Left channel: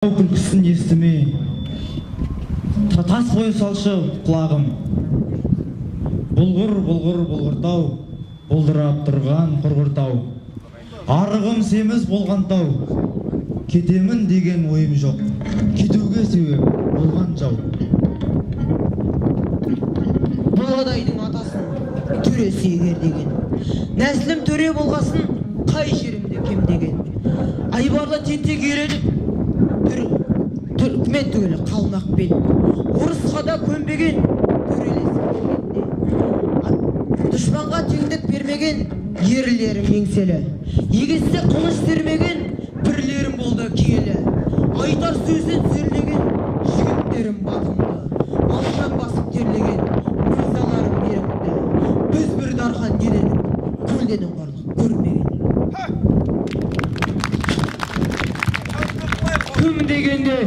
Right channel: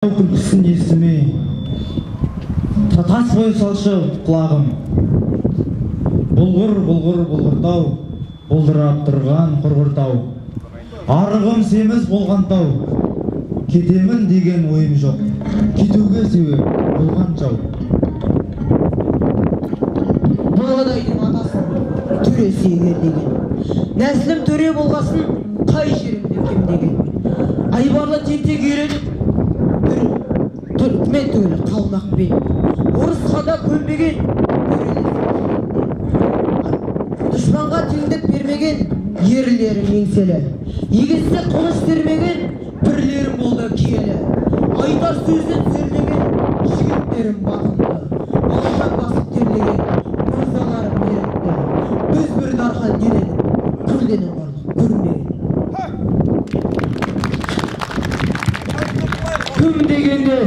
Күлкісін естімей тас қоя салшы құлағым. Бұлғыр бұлғыр бұлғыртау, бұлдырап тұрған құрғыртау. Арығым семіз болған тау, кетемін деген ойым жоқ, кетуге себеп болған жау. Болғадайдың атасын төресі егер деген, нәсілім төре болғасын қай жерімде кем деген. Айбарлы тентек үйреніп түрікмен түгілі қалмақ бел, орысқа да көнбеген дұшпанға теңдік бермеген ерлерім еңселі, егесте қылыш термеген бірлерім болды киелі. Айтар сөзден сөрлеген жігіттерім батымды, алшаң басып терлеген мырзаларым ерікті. Біз бір дархан еледік, көлденің барлық көрмеген. Кім дегенде